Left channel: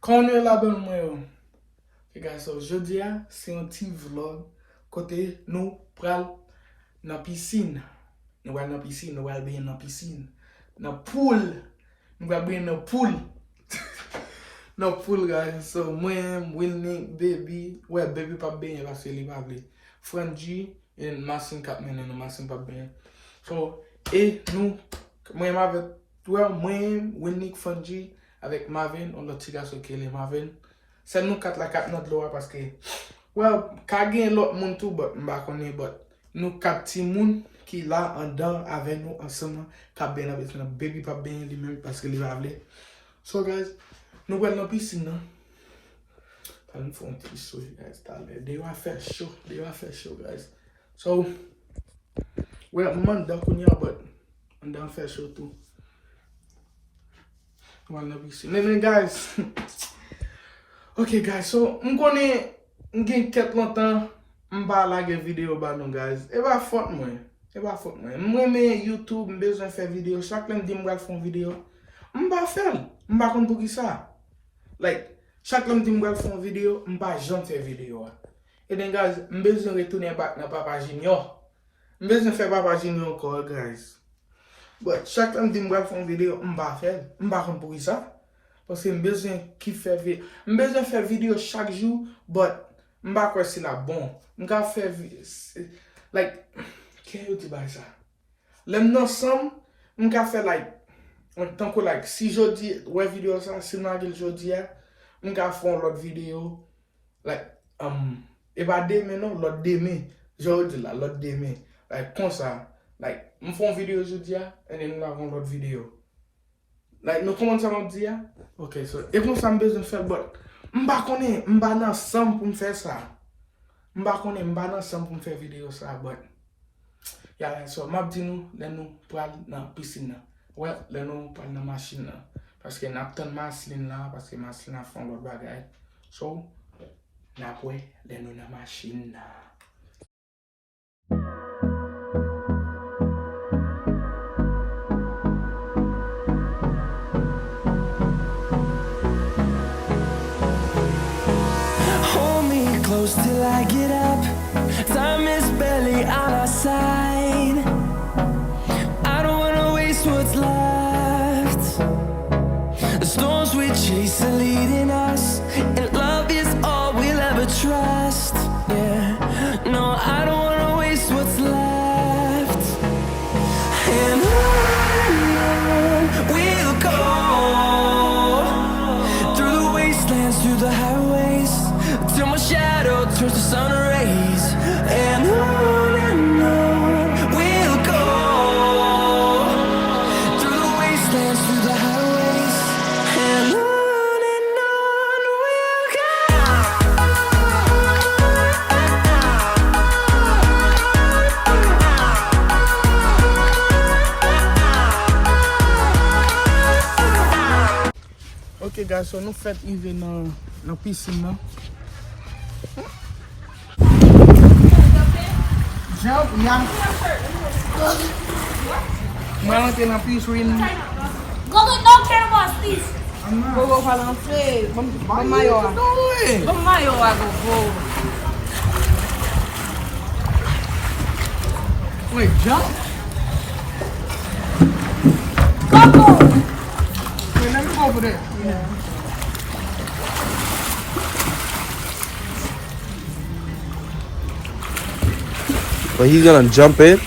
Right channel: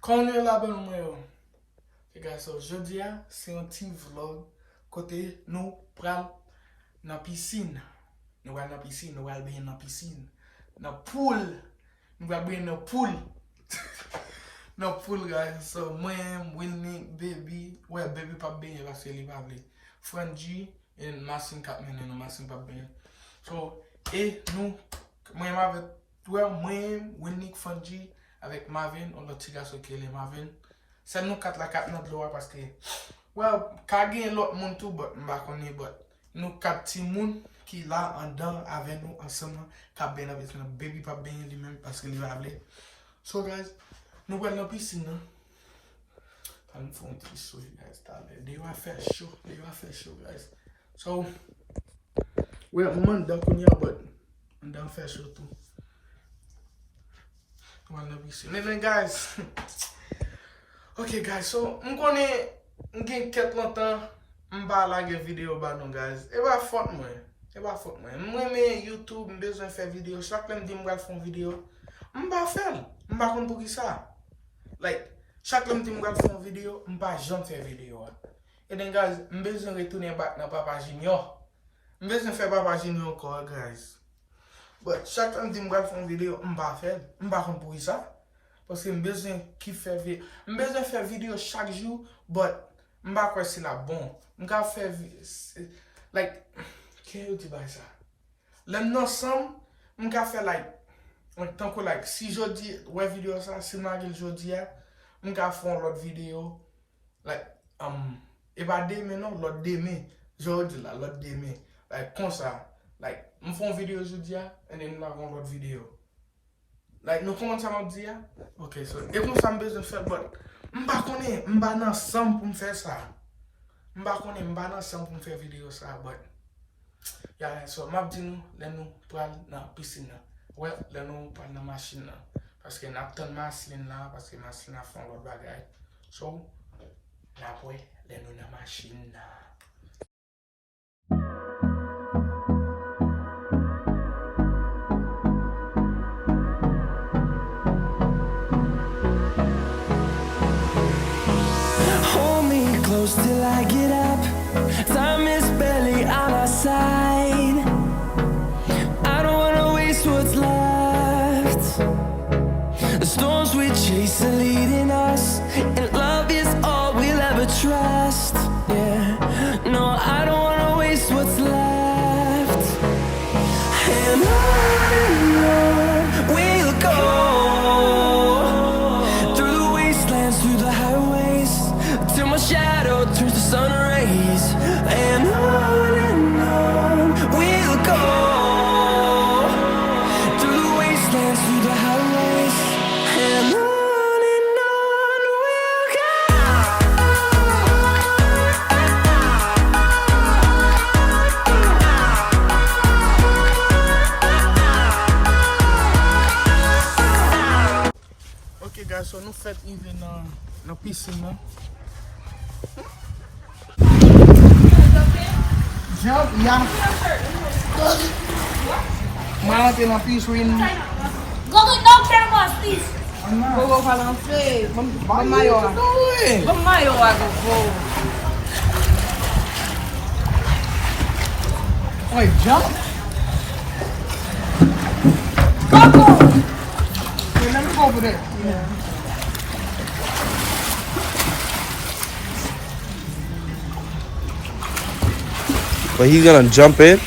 Kon yo la bon mwen yo. Ok guys, so jodi a, se yon ti vlog kote nou pral nan piscine. Nou wal nan piscine, nou wal ben nan piscine. Nan pool. Nou wal ben nan pool. Nan pool guys. So mwen, Winnie, baby. Ouais, baby pa ben, la se li pa vle. Franji, en Masin kap menen, Masin pa ben. So, e nou, mwen Marvin, mwen, Winnie, Franji, avec Marvin, on a tiré sur le Marvin. C'est nous quatre la quatre notre loi parce que, well, quand il y a l'autre monde tout, but nous quatre petits monde qui là en dedans avec nous ensemble, qui bien avec nous, baby pas bien lui-même parce que il va aller. So guys, nous allons dans piscine. Nous faisons un petit show, guys. They va faire chaud, guys. So, well, man, donc on y a, but on down faire chaud tout. Then guys, ok guys, so m'gen ket lontan m'ba lage video ba nou guys. E ba fote mwen. Mwen me YouTube m'bezwen fè video. Chaque lèm di m'wal fon video. M'ba fèl. M'ba kon pou ki sa. Like, chaque lèm di m'wal fon video, m'ba jan fè video. E den guys, m'bezwen retounen bak nan Papa Junior. M'bezwen fè Papa Junior encore guys. But chaque temps que je fais une vidéo, je vais faire. Je ne vais pas pour ça. Parce que je besoin faire vidéo chaque jour, but je ne vais pas si la bon. Je vais faire like qu'est-ce que tu dis ça? L'un ensemble, je vais faire tant que si je dis ouais vidéo ça, si je dis je vais faire l'autre vidéo et pas demain non, l'autre demain. Je dis là l'autre demain. Comme ça. Like, je fais une vidéo aujourd'hui, et then nous avons l'autre vidéo. Like, nous commençons à me dire, ok, so, et pour ça, je besoin de faire, but, je ne sais pas ensemble pour me faire ça. Je ne sais pas ensemble pour me faire vidéo ça, but, yeah, so, je dis nous, nous parlons dans la piscine. Ouais, nous parlons dans la machine. Parce que nous avons tant de machine là, parce que la machine a fait l'autre bagaille. So, nous avons dans la machine là. Close till I get up. Time is barely on our side. I don't wanna waste what's left. The storms we chase are leading us, and love is all we'll ever trust. Yeah, no, I don't wanna waste what's left. And on we'll go, through the wastelands, through the highways, till my shadow turns to sun rays. And on we'll go, through the wastelands, through the highways. And on we'll go. Ok guys, so nous faisons even dans la piscine. Yeah. Mana tem na piscina? Não quero mais isso. Eu vou falar pra você. Vamos maior. Vamos maior agora. Oi, jump. Vamos. Let me go over there. But he's gonna jump in.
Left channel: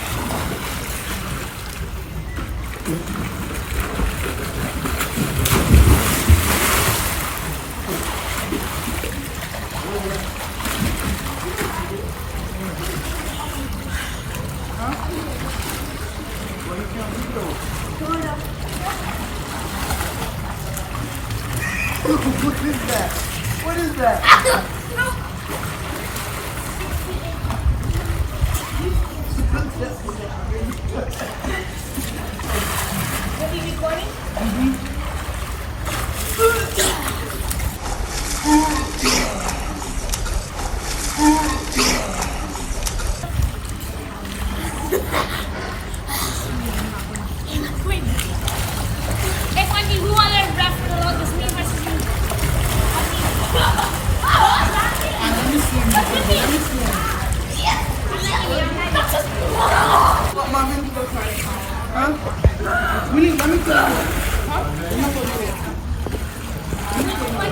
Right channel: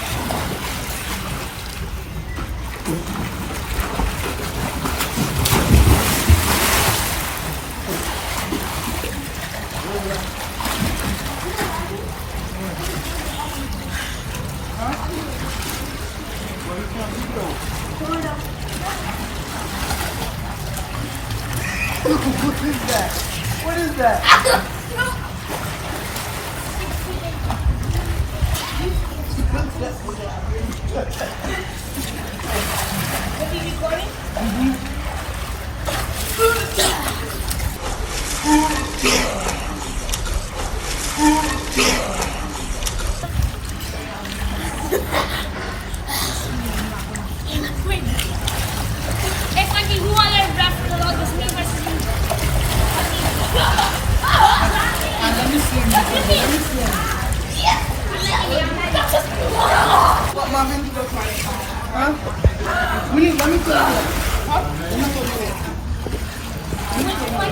What is that? Es aquí, no va a haber gráfico, lo que se me parece.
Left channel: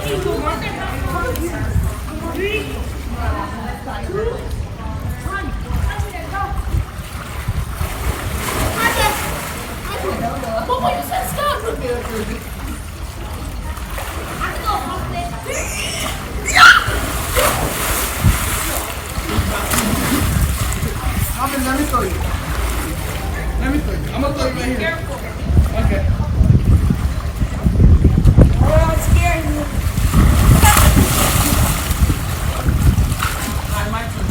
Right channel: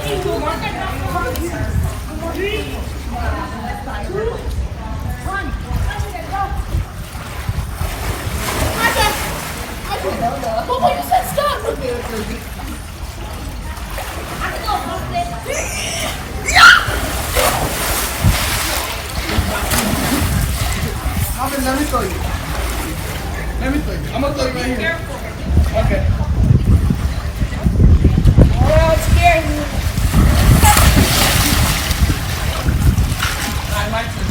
need 2 more. 3, 2, 1. Papa, you said stop. Mommy, let me show you. Let me show you. I'm gonna throw you right here. Okay. Oh, it's scaring me. Alright, my turn.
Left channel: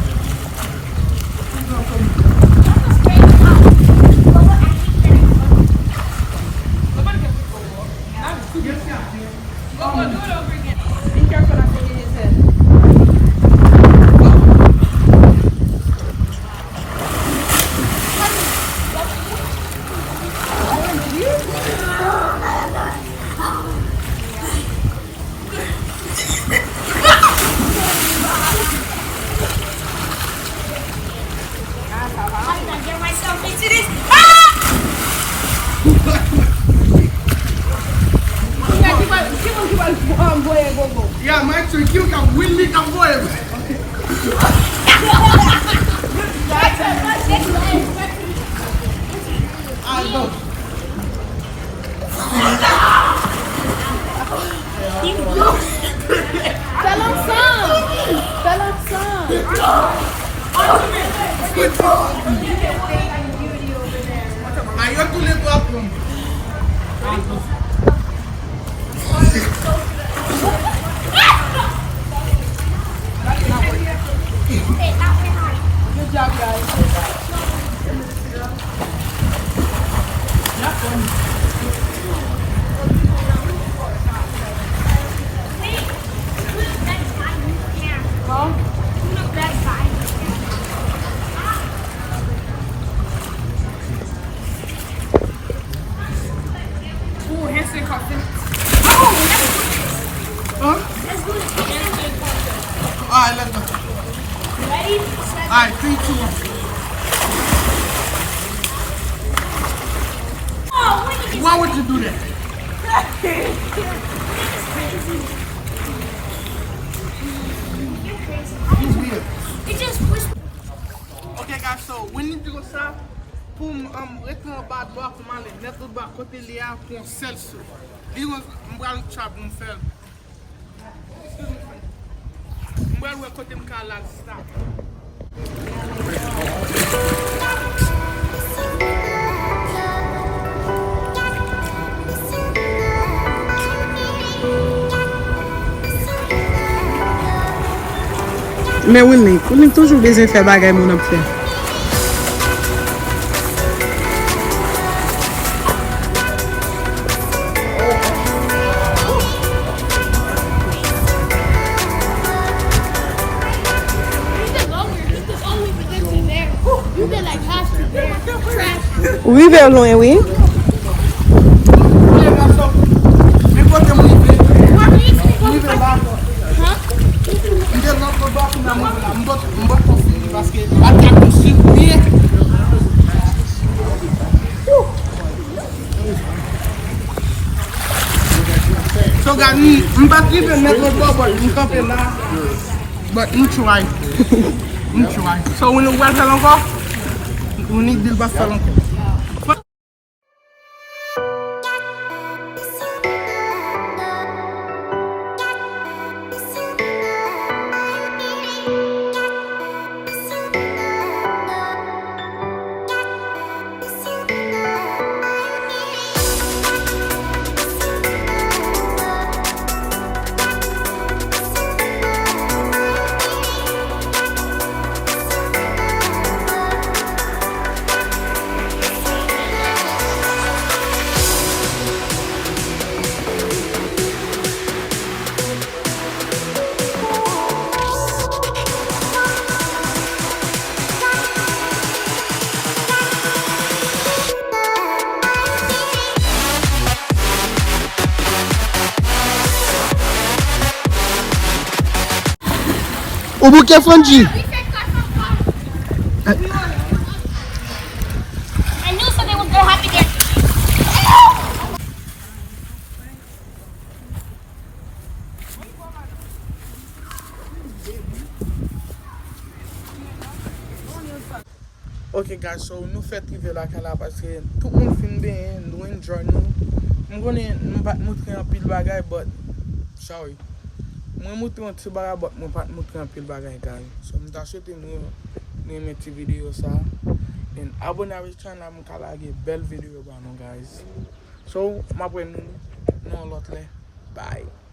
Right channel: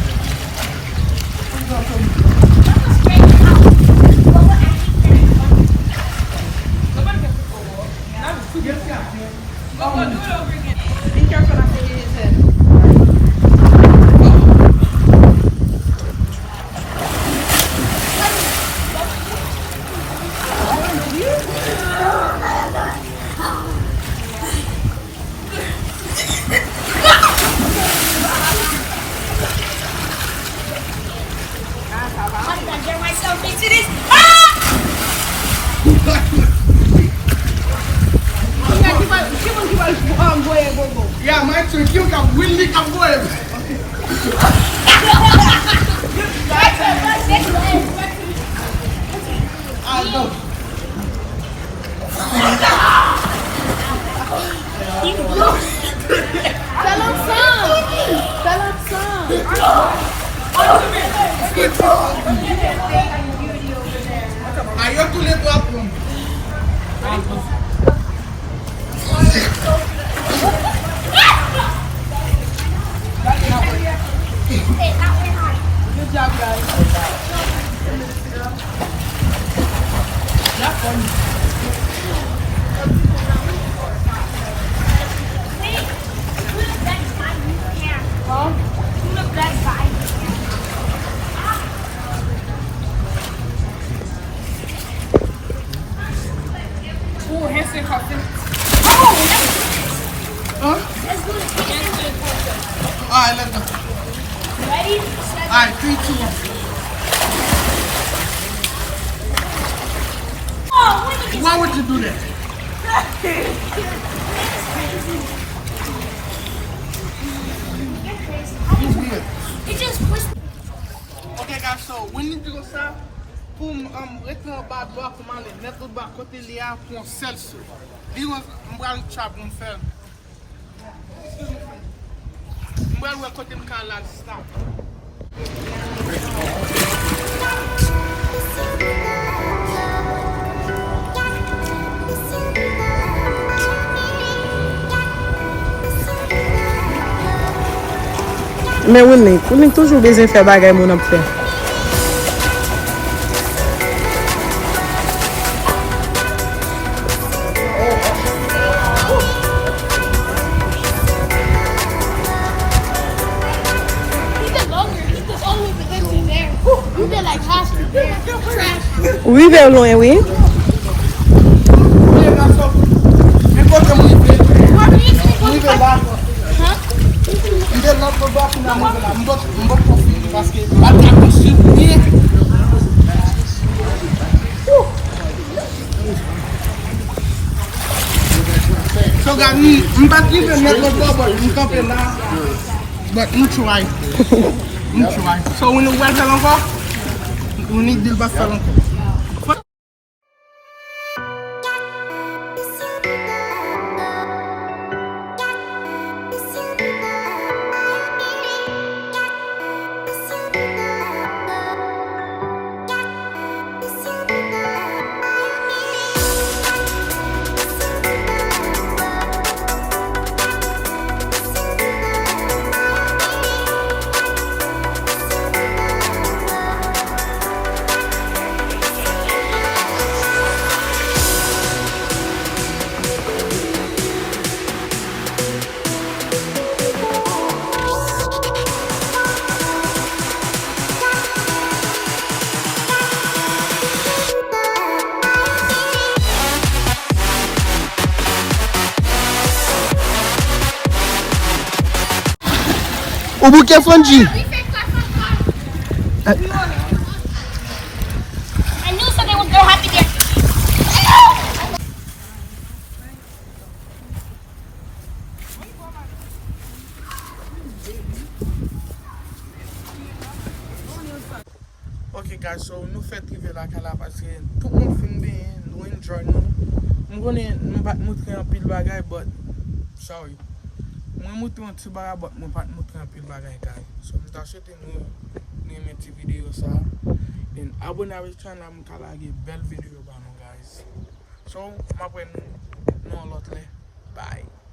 Be careful not to hit his head. I'm gonna get myself into this. Yeah, my turn. You can win me, come go ahead. Aí eu tu levou a pronto. Alright, let's go. Ready? Alright, 3, 2, 1. Oh, when did Why would you do that? You weird. it just pushed me? Okay, guys, so when you go ça, pour retourner bas droit pour aller mettre bas côté lié pour celle-ci. Lui, on va le trap pour faire. On va le côté m'cala stop. Mais oui, on est toujours besoin de faire bagay mon ap fait. Oui, vers loin, oui. Olha, garçom. Vem côté mon livre là. Parce que so guys, I'm not even make a bubble. I'm coming now, but I'm trying. I'm trying. So when the weather long we need to back for long. O bouquet Franji. I knew something was gonna happen here. Ok guys, so nou fè trive la ka la paske tout moun fin ben, nou enjoy nou. Mwen konen mwen pat moutre an pil bagay, but sorry. Mwen moutre an ti bagay, but mwen pat moutre an pil bagay guys. So mwen ta sote nou eme ti video sa. Den abone avè channel mwen ka lage bel video ba nou guys. So, mapwe nou lot le. Bye.